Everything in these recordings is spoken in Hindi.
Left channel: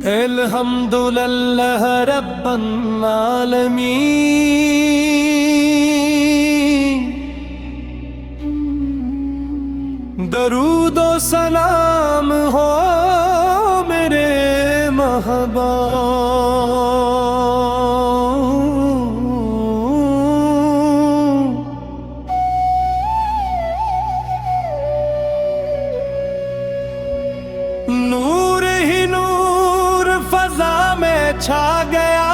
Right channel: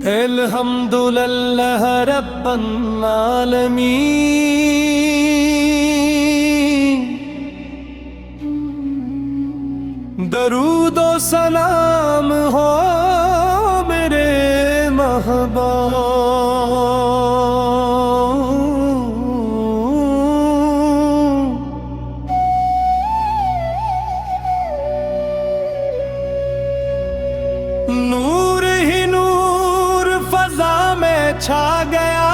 अल्हम्दुलिल्लाह रब्बल आलमीन। दरूदो सलाम हो मेरे महबूब। नूर ही नूर फजा में छा गया,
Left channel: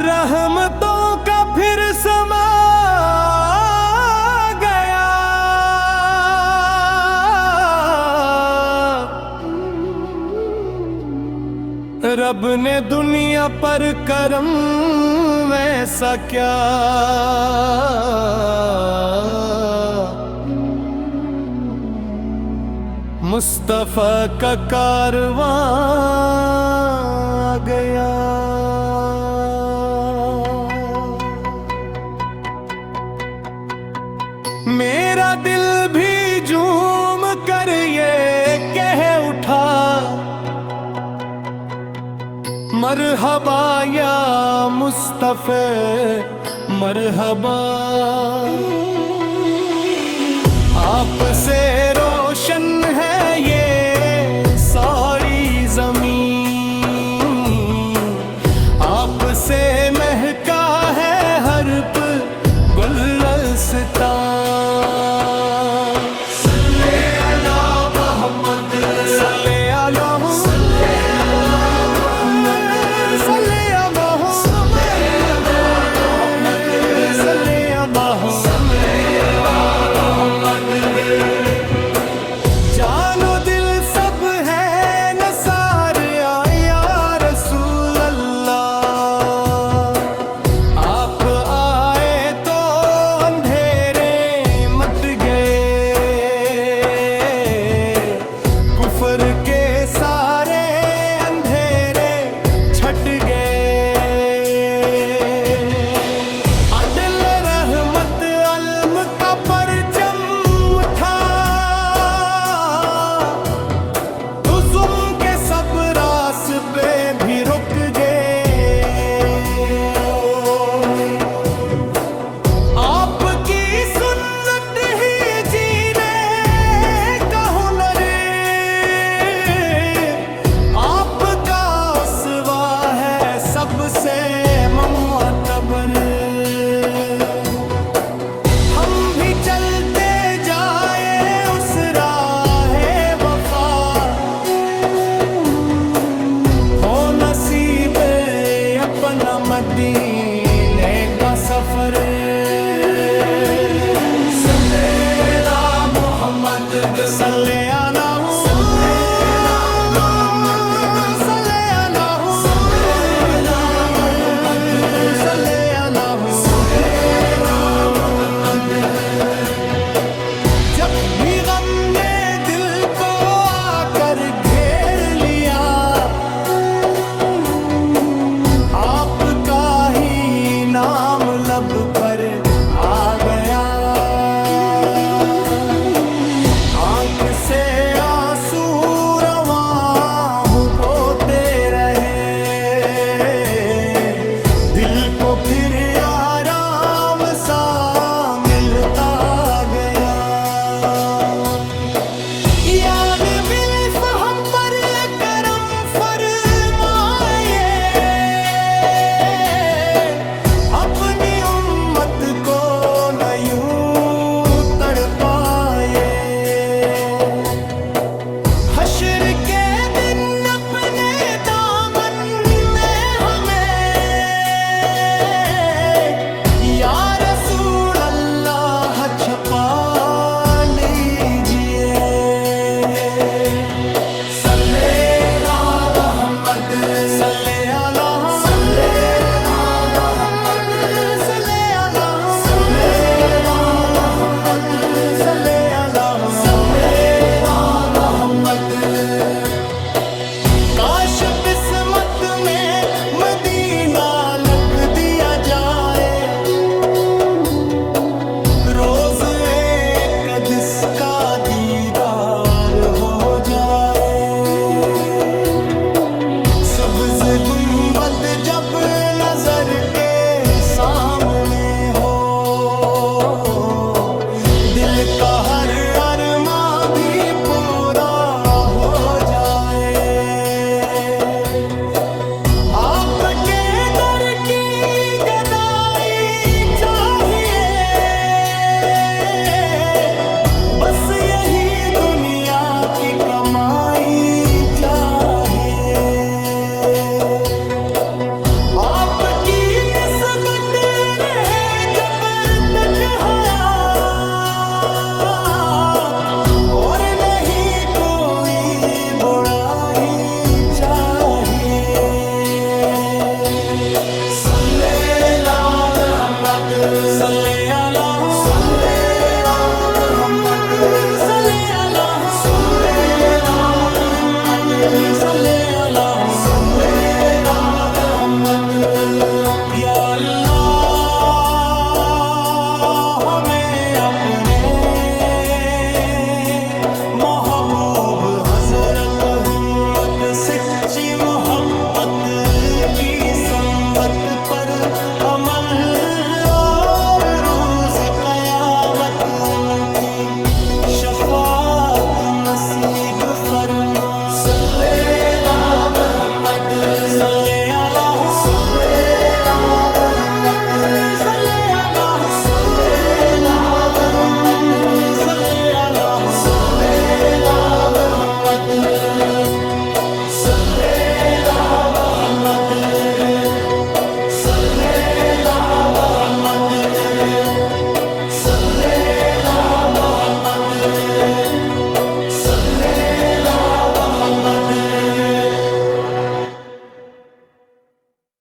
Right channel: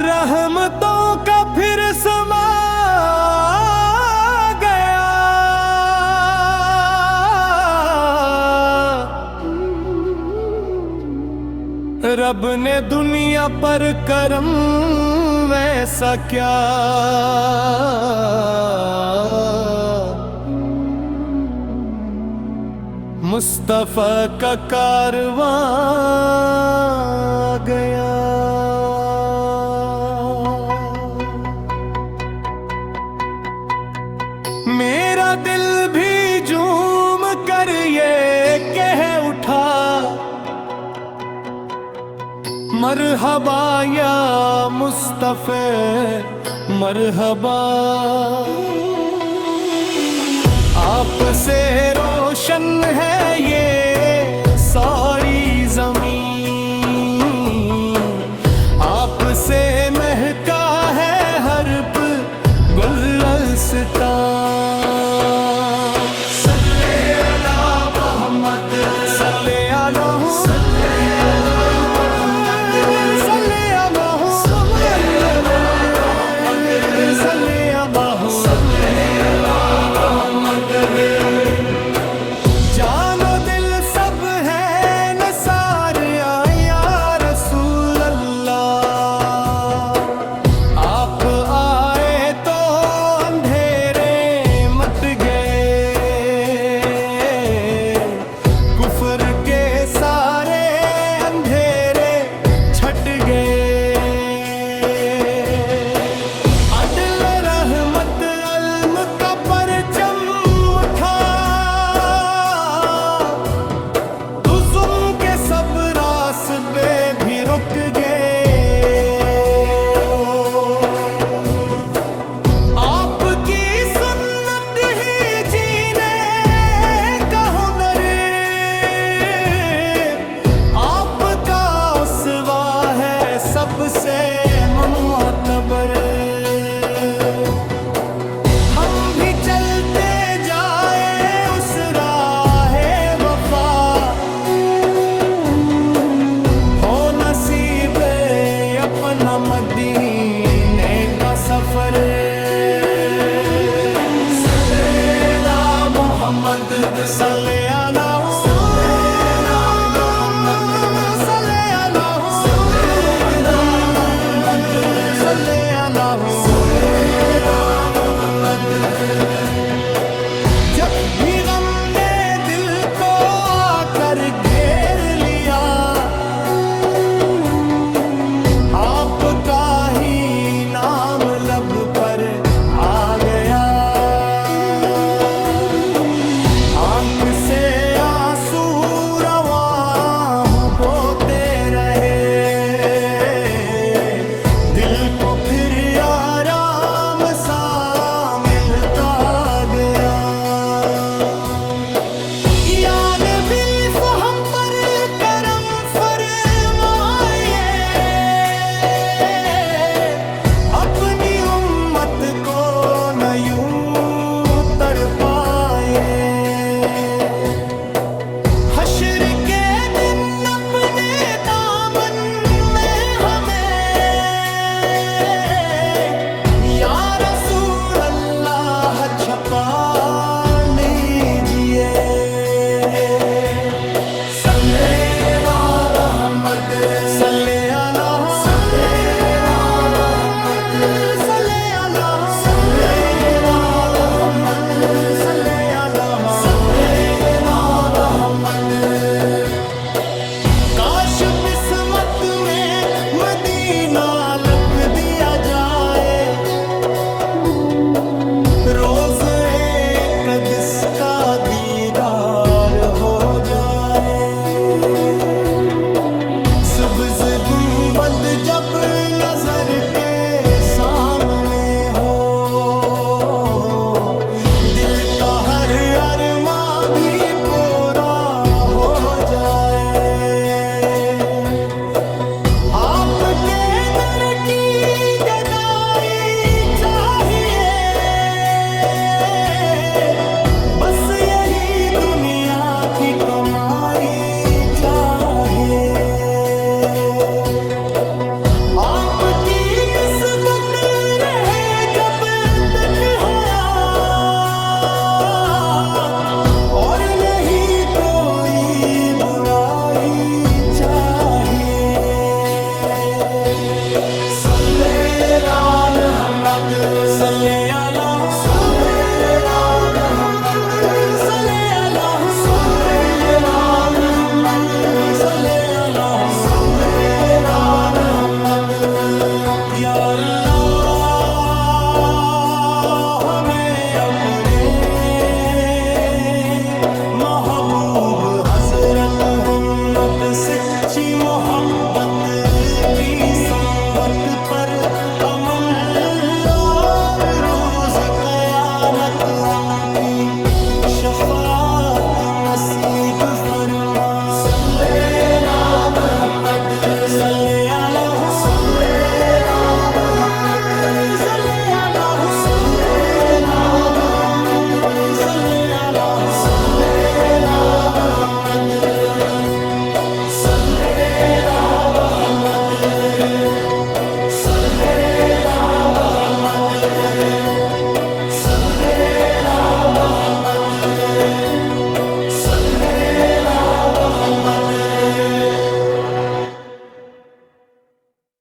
रहमतों का फिर समा गया। रब ने दुनिया पर करम वैसा क्या, मुस्तफा का कारवां गया। मेरा दिल भी झूम कर ये कह उठा, मरहबा या मुस्तफा मरहबा। आपसे रोशन है ये सारी ज़मीन, आपसे महका है हर गुलस्तान। सल्ले अला मोहम्मद, सल्ले अला सारे अंधेरे छट गए। अदल रहमत अलम का परचम उठा, जुल्म के सब रास्ते भी रुक गए। आपकी सुन्नत ही जीने का हुनर, सबसे मुअतबर। हम भी चलते जाए उस राहे वफा, हो नसीब अपना मदीने का सफर। सल्ले अला मोहम्मद, सल्ले अला लब पर आ गया। आंख से आंसू रवां होते रहे, दिल को फिर आराम सा मिलता गया। याने बिल्फ हम पर करम फरमाए, अपनी शायद इसका दीदार हो जाए। सुब्ज़ गुंबद जब नजर के सामने हो, दिल का हर अरमां भी पूरा हो जाए। आपके दर की गदाई चाहिए, बस यही दुनिया की कमाई चाहिए। आपकी निस्बत रहे जब तक हयात, और नहीं कोई बुराई चाहिए। सल्ले अला मुहम्मद, सल्ले अला या अल्लाह, हमें अपने महबूब हजरत हुम्मत सच्ची मोहब्बत की संबत पर अमल, और रोज़ क़यामत उनकी शफाअत नसीब फरमा। सल्ले अला मुहम्मद, सल्ले अला Muhammad